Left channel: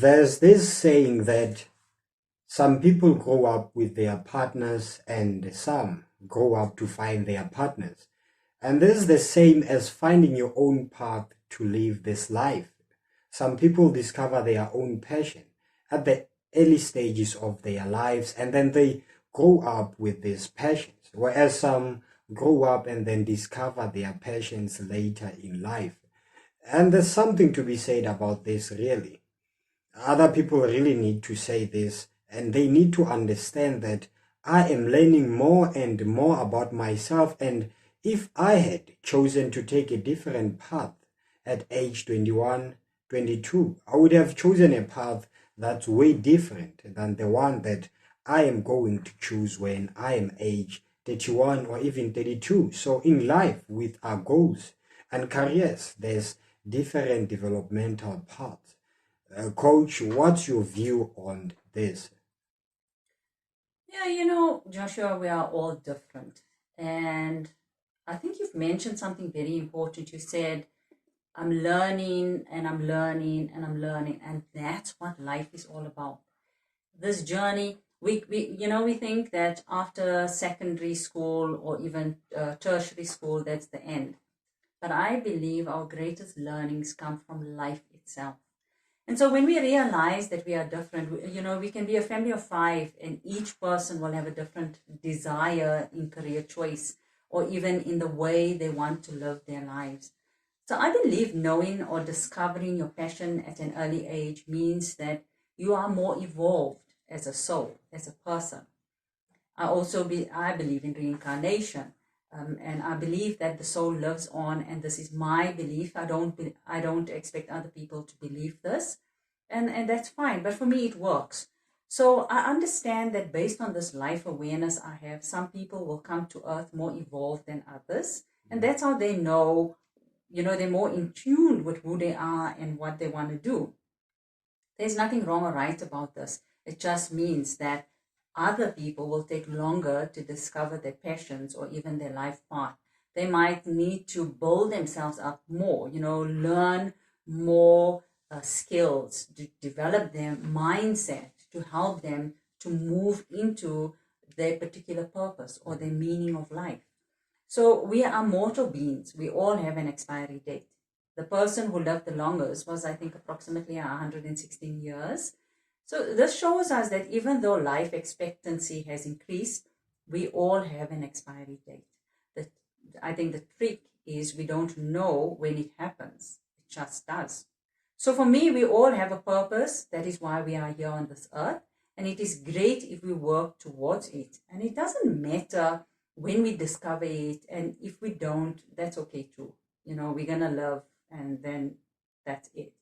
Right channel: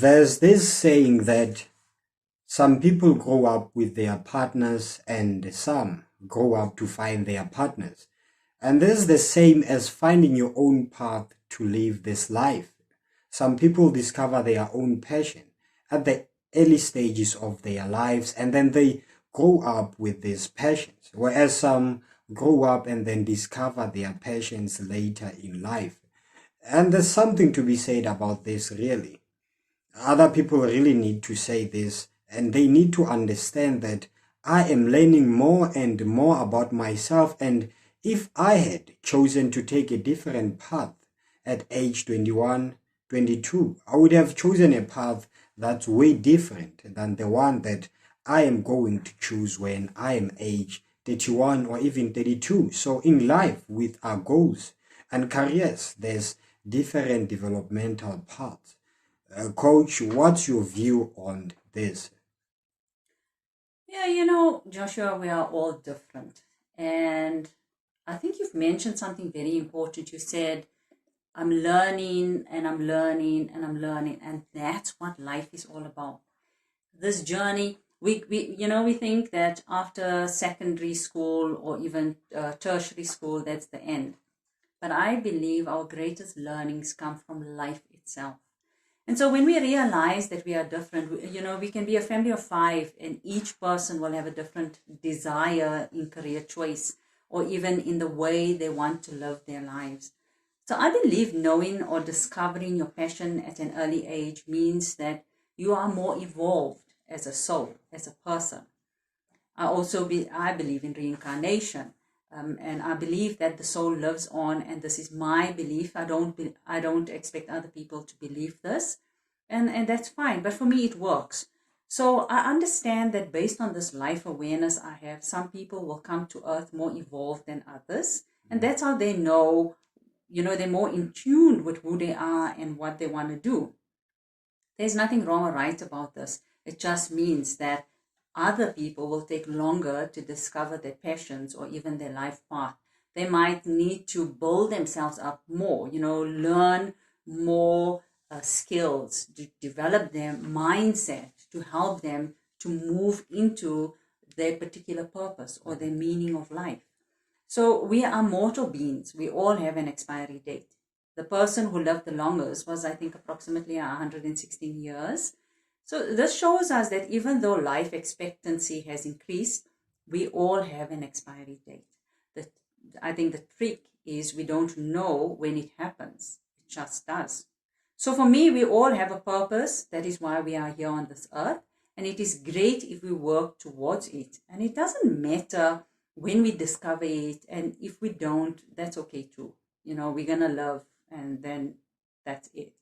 There's this saying that some people grow up with their partners and some grow up to find their partners. And this is the same as finding your own path to live this life. Some people discover their own passion at the early stages of their lives and then they grow up with these passions, whereas some grow up and then discover their passions later in life. And there's something to be said about this, really. Other people really need to say this, and they need to understand that I am learning more and more about myself. And if I had chosen to take a different path at age 21, 22, I would have chosen a path that's way different than the one that I am going to choose when I am age 31 or even 32. So in life, with our goals and careers, there's different developmental paths. Coach, what's your view on this? Yeah, Joshua, we are all different. And I think you've mentioned something very important. You said, I'm learning and I'm learning and I'm learning. And that's what life is all about. This journey, we think that after secondary school or even tertiary school, that's the end. But I believe our greatest learnings come from life itself. And so when we realize that we are different, we can be a family of five and each person will have a different desire in career choice or even in the way they want to live their lives. So I believe knowing or discovering your passion at an early age means that you are more evolved as a soul, as a person. I believe in reincarnation. And I believe that the soul lives on, and this is my belief. I don't expect other people to believe this, and that's fine. But for me, it works. So I understand that based on this life awareness I have, some people will come to Earth more evolved than others, and that's how they know. They're more in tune with who they are and what they want to do. There's nothing wrong or right about this. It just means that other people will take longer to discover their passions or even their life path. They might need to build themselves up more, learn more skills, to develop their mindset to help them to move into their particular purpose or their meaning of life. So we are mortal beings. We all have an expiry date. The person who lived the longest was, I think, approximately 116 years. So this shows us that even though life expectancy has increased, we all have an expiry date. I think the trick is we don't know when it happens. It just does. So for me, we all have a purpose. That is why we are here on this earth. And it is great if we work towards it. And it doesn't matter when we discover it. And if we don't, that's okay too. We're going to love and then that's it.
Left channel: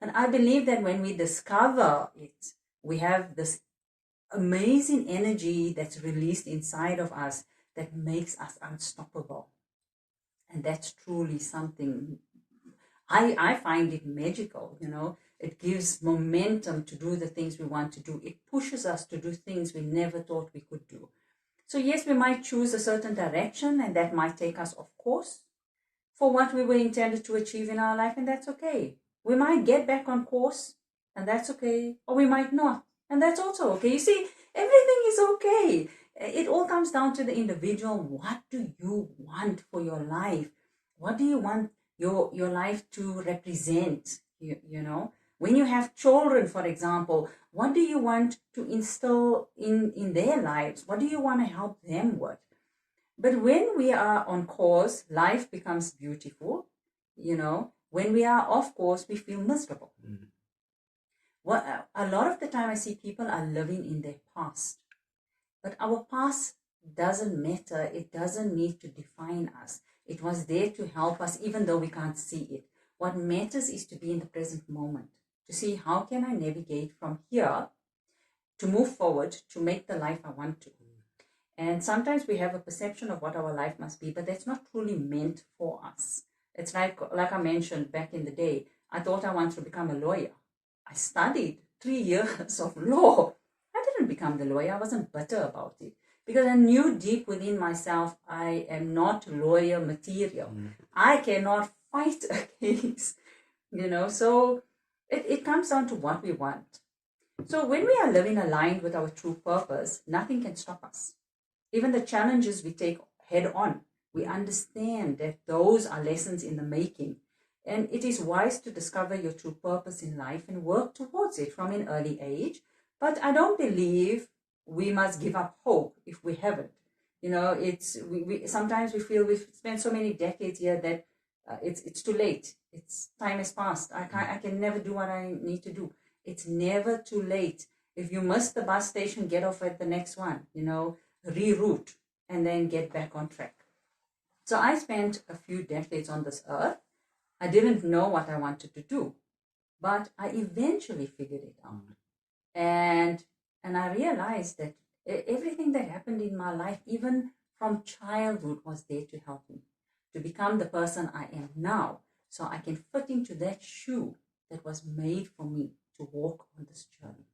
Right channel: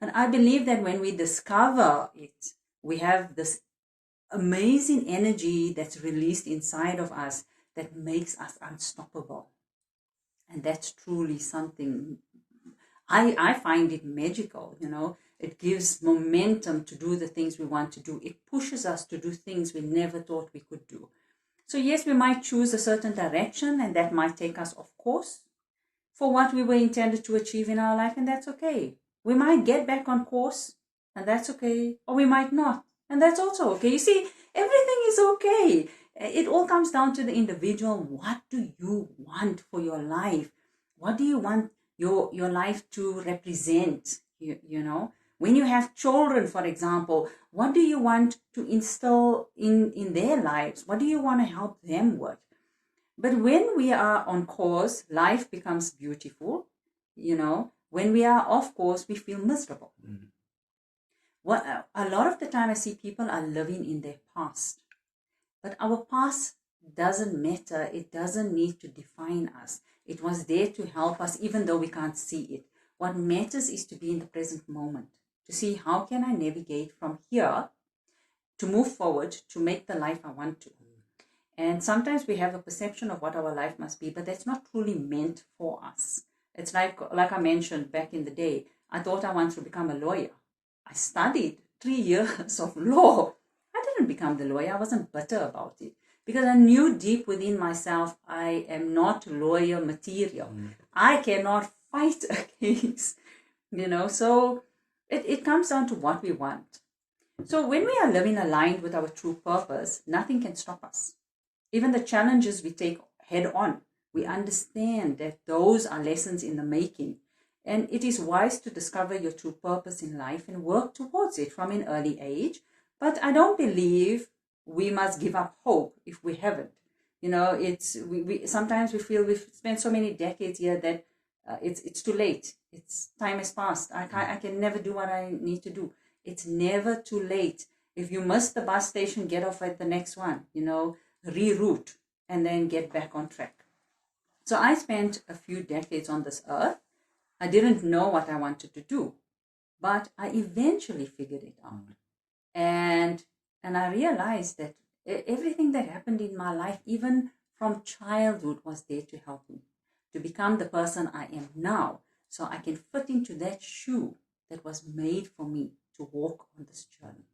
And I believe that when we discover it, we have this amazing energy that's released inside of us that makes us unstoppable. And that's truly something, I find it magical, It gives momentum to do the things we want to do. It pushes us to do things we never thought we could do. So yes, we might choose a certain direction and that might take us off course for what we were intended to achieve in our life, and that's okay. We might get back on course, and that's okay, or we might not, and that's also okay. You see, everything is okay. It all comes down to the individual. What do you want for your life? What do you want your life to represent? When you have children, for example, what do you want to instill in their lives? What do you want to help them with? But when we are on course, life becomes beautiful. When we are off course, we feel miserable. A lot of the time I see people are living in their past. But our past doesn't matter. It doesn't need to define us. It was there to help us even though we can't see it. What matters is to be in the present moment, to see how can I navigate from here to move forward to make the life I want to. And sometimes we have a perception of what our life must be, but that's not truly meant for us. It's like I mentioned back in the day, I thought I wanted to become a lawyer. I studied 3 years of law. I didn't become the lawyer. I wasn't bitter about it because I knew deep within myself, I am not lawyer material. I cannot fight a case, So It comes down to what we want. So when we are living aligned with our true purpose, nothing can stop us. Even the challenges we take head on, we understand that those are lessons in the making. And it is wise to discover your true purpose in life and work towards it from an early age. But I don't believe we must give up hope if we haven't. You know, we sometimes we feel we've spent so many decades here that it's too late. It's time has passed. I can never do what I need to do. It's never too late. If you miss the bus station, get off at the next one. You know, reroute and then get back on track. So I spent a few decades on this earth. I didn't know what I wanted to do, but I eventually figured it out. And I realized that everything that happened in my life, even from childhood, was there to help me to become the person I am now, so I can fit into that shoe that was made for me to walk on this journey.